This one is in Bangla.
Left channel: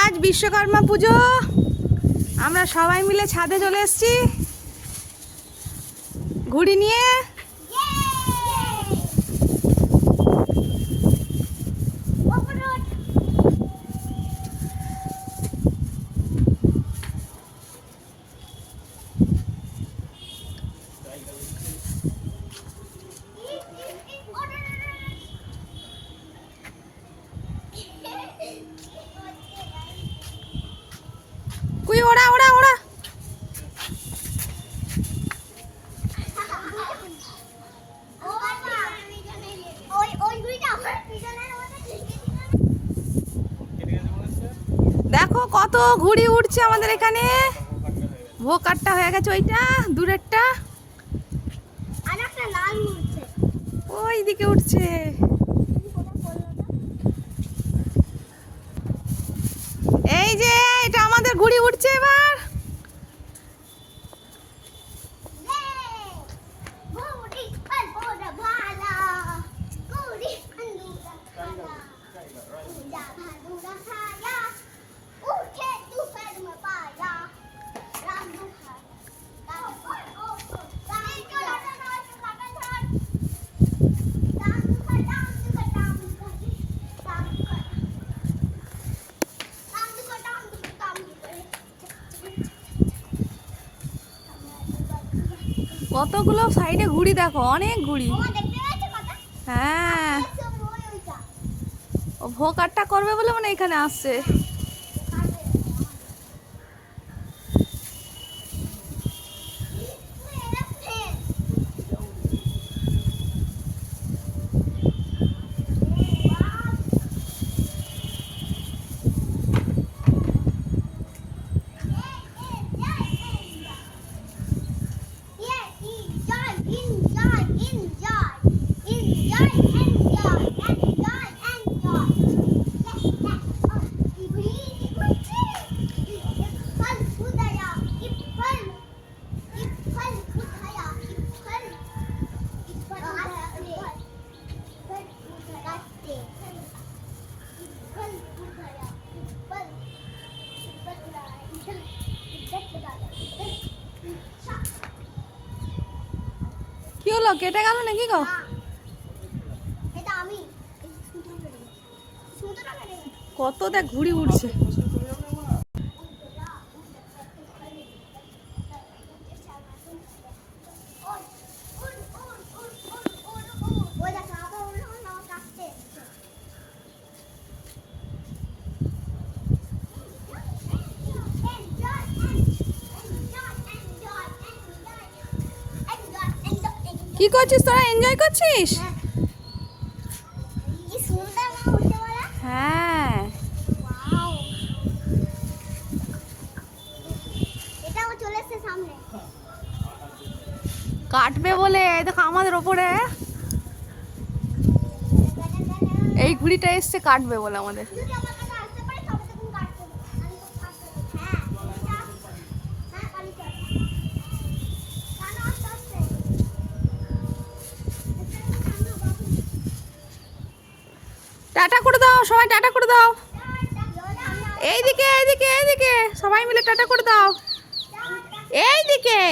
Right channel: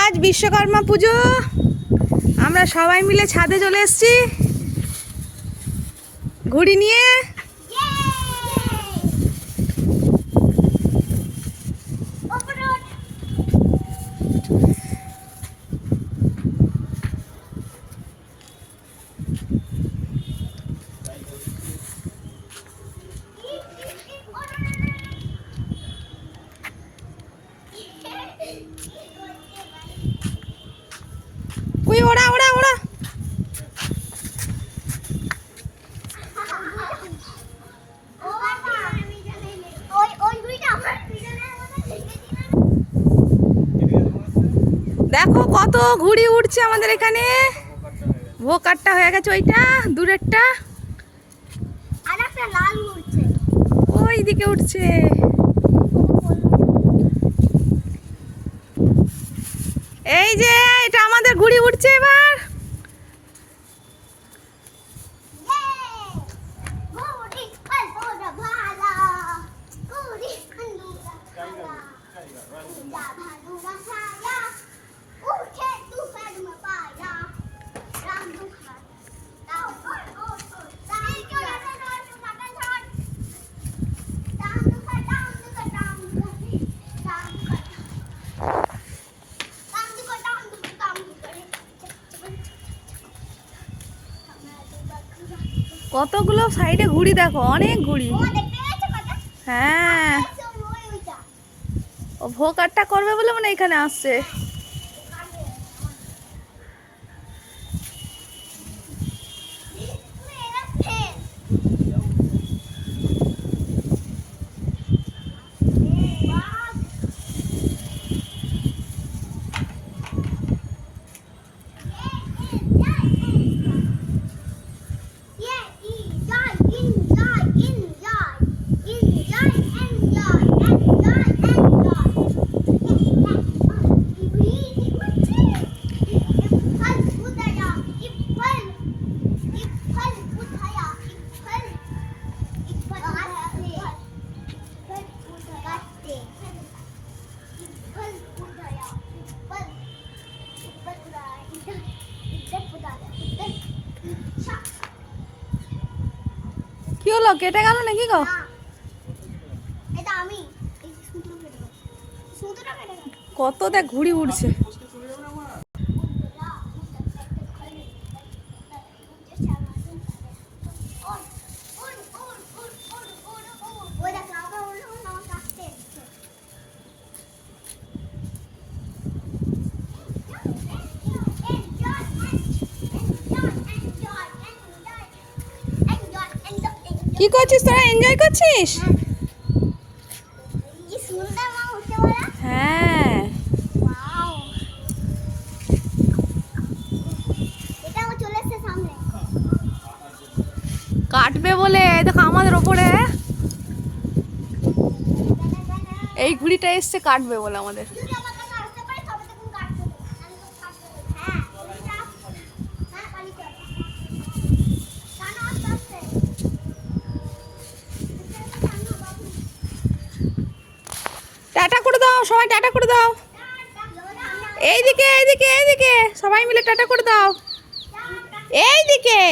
আজ বিশ্বকর্মা পুজো, আমরা সবাই মিলে ছাদে চলে এসেছি ঘুড়ি নিয়ে। উই ওড়া ওড়া ওড়া। দেখো কত ঘুড়ি উঠছে আমাদের এখানে। ভোকারটা হয়ে গেছে ওইটা দূরেরটা, ওই দিকে উঠছে। এই যে এটা আমাদের ঘুড়ি উঠছে এবার। কতগুলো সাইডে ঘুড়ি দেখো, অনেক ঘুড়ি। হ্যাঁ, ও ভোকারটা করবে বলে মানে এখানে আসছে। কি হলো, কেটে গেল নাকি গো? কত দেখ ঘুড়ি উঠছে। কি করছিস তোরা, এনজয় করছিস? হ্যাঁ, কাটবে বলে দেখো আমাদের ওপরে এই ঘুড়িটা এসছে কাটবে বলে আমাদের। টাটা করে দাও সবাই, টাটা করে দাও। এইদিকে এইদিকে এইদিকে সবাই মিলে টাটা করে দাও। এইদিকে।